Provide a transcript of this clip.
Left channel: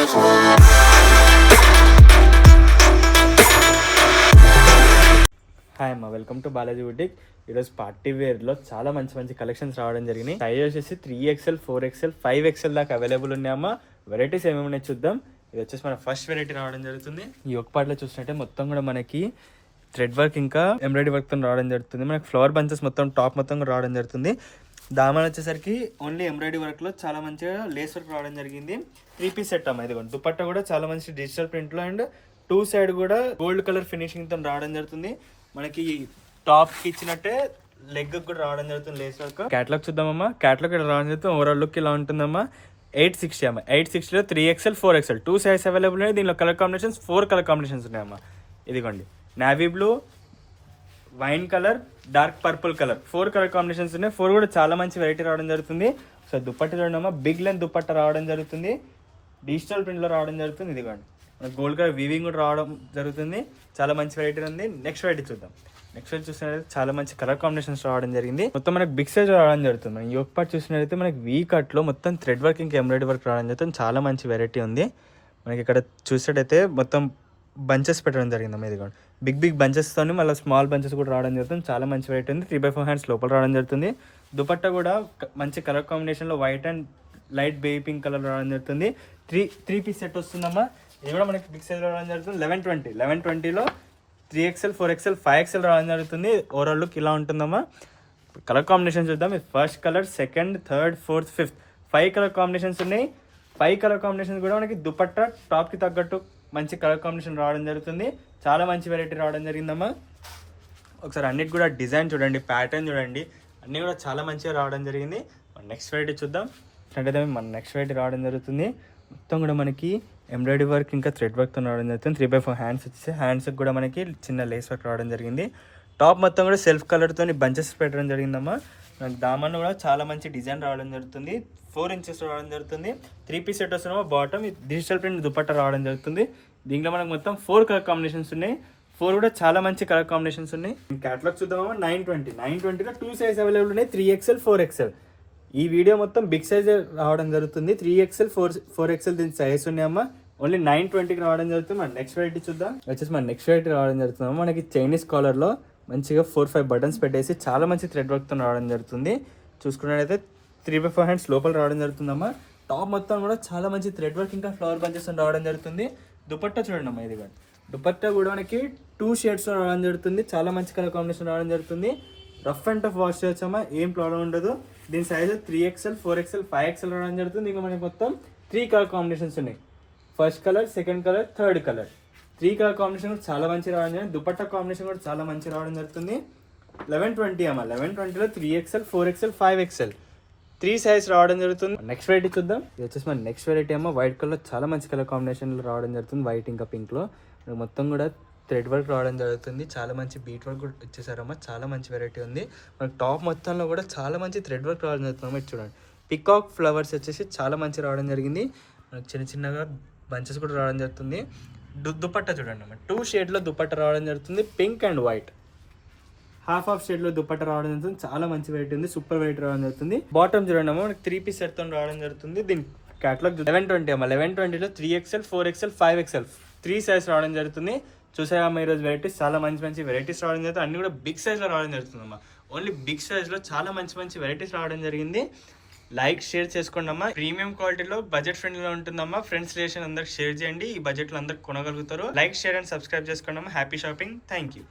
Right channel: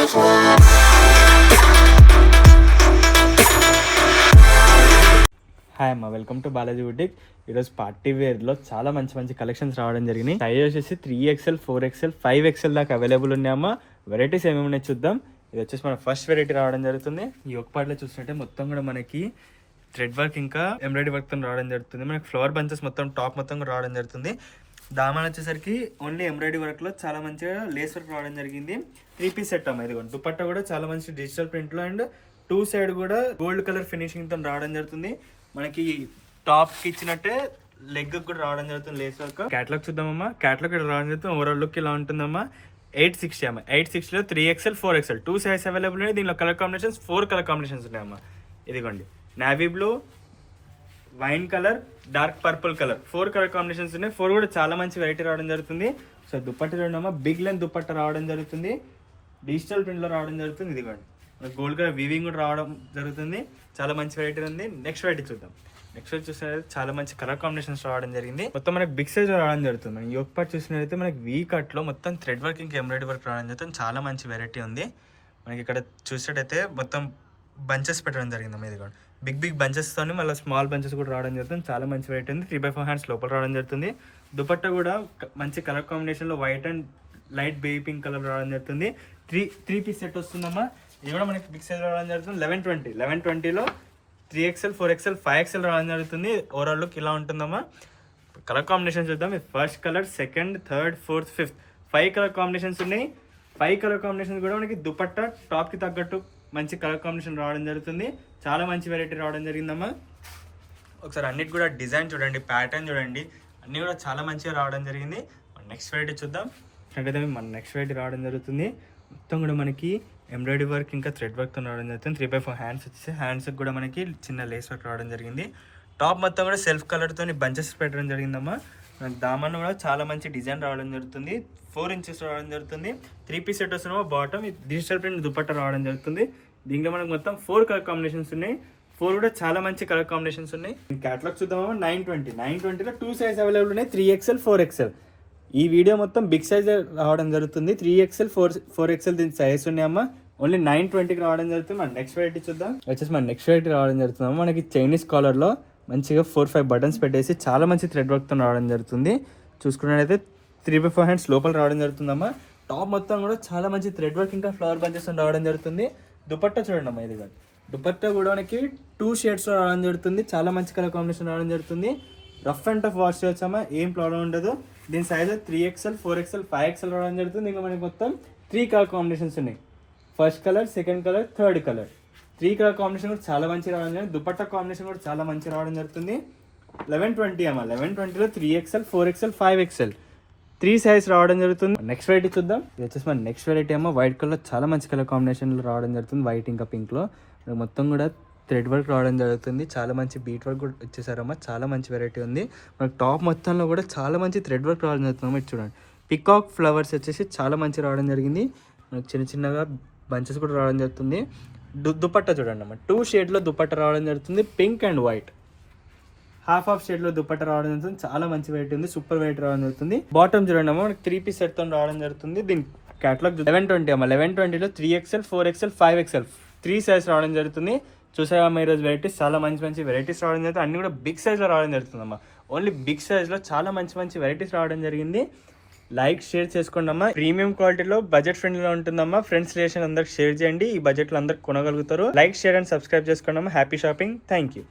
Hi అమ్మ, welcome to Balaji boutique. ఈరోజు party వేర్లో చాలా మంచి కలెక్షన్స్ రావడం జరిగింది. సైజ్ వచ్చేసి 3XL, 4XL, 5XL దాకా అవైలబుల్ ఉన్నాయమ్మా. వెరైటీస్ ఏమేమి ఉన్నాయి చూద్దాం. ఇది వచ్చేసి మన ఫస్ట్ వెరైటీ రావడం జరుగుతుంది. ఈ ఒక పార్ట్లో చూసినట్టే మొత్తం కూడా మనకి థ్రెడ్ వర్క్ ఇంకా ఎంబ్రాయిడరీ వర్క్తో రావడం జరుగుతుంది. మనకి ఫ్లవర్ బంచెస్ మొత్తం టాప్ మొత్తం కూడా రావడం జరుగుతుంది. దామన్ వచ్చేసరికి ఓన్లీ ఎంబ్రాయిడరీ వర్క్లో చాలా మంచిగా లేస్ వర్క్ రావడం జరిగింది. 3 పీస్ సెట్ అమ్మా. ఇది దుపట్టా కూడా చాలా మంచి డిజిటల్ ప్రింట్లో అండ్ 2 సైడ్ కూడా గోల్డ్ కలర్ ఫినిషింగ్తో రావడం జరుగుతుంది. మనకి టాప్ కి ఇచ్చినట్టే లెగ్ కూడా రావడం జరుగుతుంది లేస్ వర్క్. క్యాటలాగ్ చూద్దామమ్మా. క్యాటలాగ్ ఇక్కడ రావడం జరుగుతుంది. ఓవరాల్ లుక్ ఇలా ఉంటుందమ్మా. 860 అమ్మా. 860లో 3XL, 4XL 2 సైజ్ అవైలబుల్ ఉన్నాయి. దీనిలో కలర్ కాంబినేషన్స్ 4 కలర్ కాంబినేషన్స్ ఉన్నాయమ్మా. ఇదిగోండి, navy blue, wine colour, dark purple colour 4 colour combinations ఉన్నాయి. 4 కూడా చాలా మంచి వెరైటీ రావడం జరుగుతుంది. సో దుపట్టా చూడమ్మా, బిగ్ లెంత్ దుపట్టా రావడం జరుగుతుంది. డిజిటల్ ప్రింట్లో రావడం జరుగుతుంది. ఇదిగోండి, గోల్డ్ కలర్ వీవింగ్ కూడా రావడం జరుగుతుంది. చాలా మంచి వెరైటీ ఉంది. నెక్స్ట్ వెరైటీ చూద్దాం. నెక్స్ట్ వెరైటీ చూసినట్లయితే చాలా మంచి కలర్ కాంబినేషన్స్ రావడం జరిగింది. మొత్తం మనకి బిగ్ సైజ్ రావడం జరుగుతుంది. మనం యోక్ పార్ట్ చూసినట్లయితే మనకి వీ కట్ లో మొత్తం థ్రెడ్ వర్క్ ఇంకా ఎంబ్రాయిడరీ వర్క్ రావడం జరుగుతుంది. చాలా మంచి వెరైటీ ఉంది. మనకి ఇక్కడ చూసినట్టయితే మొత్తం బంచెస్ పెట్టడం జరిగింది. ఇది కూడా బిగ్ బంచెస్ తోని మళ్ళీ స్మాల్ బంచెస్ కూడా రావడం జరుగుతుంది. చాలా మంచి వెరైటీ ఉంది. 3/4 హ్యాండ్స్ లోపల రావడం జరుగుతుంది. దుపట్టా కూడా మంచి కలర్ కాంబినేషన్ లో white and light baby pink colour రావడం జరుగుతుంది. 3 పీస్ సెట్ వస్తుందమ్మా. ఇది కూడా మనకి బిగ్ సైజ్ రావడం జరుగుతుంది. 1120లో 3XL, 4XL, 5XL రావడం జరుగుతుంది. ఓవరాల్ లుక్ ఇలా ఉంటుందమ్మా. కలర్ కాంబినేషన్ చూద్దాం. First colour, second, third, fourth, fifth 5 colour combinations ఉన్నాయి. 5 కలర్ కాంబినేషన్స్ కూడా మనకి దుపట్టా టాప్ కి తగ్గట్టు మంచి కలర్ కాంబినేషన్ రావడం జరుగుతుంది. చాలా మంచి వెరైటీ రావడం జరిగిందమ్మా. ఒకసారి అన్నిటి కూడా డిజైన్ చూడండి, ప్యాటర్న్ చూడండి, అన్నీ కూడా చాలా మంచిగా రావడం జరిగింది. నెక్స్ట్ వెరైటీ చూద్దాం. అంటే మన నెక్స్ట్ వెరైటీ రావడం జరుగుతుంది. మొత్తం కూడా మనకి ఎంబ్రాయిడరీ వర్క్ ఇంకా థ్రెడ్ వర్క్తో రావడం జరుగుతుంది. 3/4 హ్యాండ్స్ వచ్చేసి హ్యాండ్స్కి కూడా మనకి చిన్న లేస్ వర్క్ రావడం జరిగింది. టాప్ మొత్తం కూడా సెల్ఫ్ కలర్తో బంచెస్ పెట్టడం జరిగిందమ్మా. దామన్ కూడా చాలా మంచి డిజైన్ రావడం జరుగుతుంది. 4 ఇంచెస్ రావడం జరుగుతుంది. 3 పీస్ సెట్ వస్తున్నామో. బాటమ్ డిజిటల్ ప్రింట్ దుపట్టా రావడం జరుగుతుంది. దీంట్లో మనకు మొత్తం 4 కలర్ కాంబినేషన్స్ ఉన్నాయి. 4 కూడా చాలా మంచి కలర్ కాంబినేషన్స్ ఉన్నాయి. క్యాటలాగ్ చూద్దామో. 920లో 2 సైజ్ అవైలబుల్ ఉన్నాయి. 3XL, 4XL. ఈ వీడియో మొత్తం బిగ్ సైజ్ రావడం జరుగుతుంది. 3XL, 4XL దీని సైజ్ ఉన్నాయమ్మా. ఓన్లీ 920కి రావడం జరుగుతుంది. మన నెక్స్ట్ వెరైటీ చూద్దాం. వచ్చేసి మన నెక్స్ట్ వెరైటీ రావడం జరుగుతుందమ్మా. మనకి చైనీస్ కాలర్లో మంచిగా 4-5 బటన్స్ పెట్టేసి చాలా మంచి థ్రెడ్ వర్క్తో రావడం జరుగుతుంది. చూసుకున్నట్లయితే 3/4 హ్యాండ్స్ లోపల రావడం జరుగుతుందమ్మా. టాప్ మొత్తం కూడా చాలా మంచి థ్రెడ్ వర్క్ ఇంకా ఫ్లవర్ బంచెస్ రావడం జరుగుతుంది. దుపట్టా చూడండి అమ్మా. ఇది కాదు, దుపట్టా కూడా మనకి 2 షేడ్స్లో రావడం జరుగుతుంది. చాలా మంచి కలర్ కాంబినేషన్ రావడం జరుగుతుంది. రఫ్ అండ్ టఫ్ వాష్ చేయొచ్చమ్మా, ఏం ప్రాబ్లం ఉండదు. దీని సైజ్ 3XL, 4XL, 5XL రావడం జరుగుతుంది. ఇంకా మనకి మొత్తం 3 కలర్ కాంబినేషన్స్ ఉన్నాయి. First colour, second colour, third colour 3 colour combination కూడా చాలా మంచి రావడం జరుగుతుంది. దుపట్టా కాంబినేషన్ కూడా చాలా మంచి రావడం జరుగుతుంది. 1120 అమ్మా. 1120లో 3XL, 4XL, 5XL 3 సైజ్ రావడం జరుగుతుంది. నెక్స్ట్ వెరైటీ చూద్దాం. ఇది వచ్చేసి మన నెక్స్ట్ వెరైటీ ఏమో వైట్ కలర్ చాలా మంచి కలర్ కాంబినేషన్లో రావడం జరుగుతుంది. వైట్ ఇంకా పింక్లో మొత్తం కూడా థ్రెడ్ వర్క్ రావడం జరుగుతుంది. చాలా మంచి బీట్ వర్క్ కూడా ఇచ్చేసారమ్మా. చాలా మంచి వెరైటీ ఉంది. మనకు టాప్ మొత్తంలో కూడా చాలా మంచి థ్రెడ్ వర్క్ రావడం జరుగుతుంది. మీరు చూడండి, పికాక్ ఫ్లవర్స్ వచ్చేసి చాలా మంచి రావడం జరిగింది. మనకు చిన్నగా బంచెస్ కూడా రావడం జరుగుతుంది. దుపట్టా చూడండి అమ్మా. 2 షేడ్లో దుపట్టా రావడం జరుగుతుంది. Pink and white. హాఫ్ షేడ్లో దుపట్టా రావడం జరుగుతుంది. చాలా మంచి వెరైటీ ఉంది. సూపర్ వెరైటీ రావడం జరుగుతుంది. బాటమ్ చూడండి అమ్మా. మనకి 3 పీస్ సెట్తో రావడం జరుగుతుంది. దీని క్యాటలాగ్ 1120 అమ్మా. 1120లో 3XL, 4XL, 5XL 3 సైజ్ రావడం జరుగుతుంది. చూసామా ఈరోజు వెరైటీస్ చాలా మంచి వెరైటీస్ రావడం జరుగుతుంది. అన్ని కూడా బిగ్ సైజ్లో రావడం జరుగుతుందమ్మా. ఓన్లీ బిగ్ సైజ్లో చాలా మంచి వెరైటీస్ రావడం జరిగింది. లైక్, షేర్ చేసుకోండి అమ్మా. ప్రీమియం క్వాలిటీలో బడ్జెట్ ఫ్రెండ్లీలో ఉంటుందమ్మా. ఫ్రెండ్స్ రిలేషన్ అందరికి షేర్ చేయండి. ఈ బడ్జెట్లో అందరికి కొనగలుగుతారు. లైక్, షేర్ అండ్ సబ్స్క్రైబ్ చేసుకోండి అమ్మా. Happy shopping. Thank you.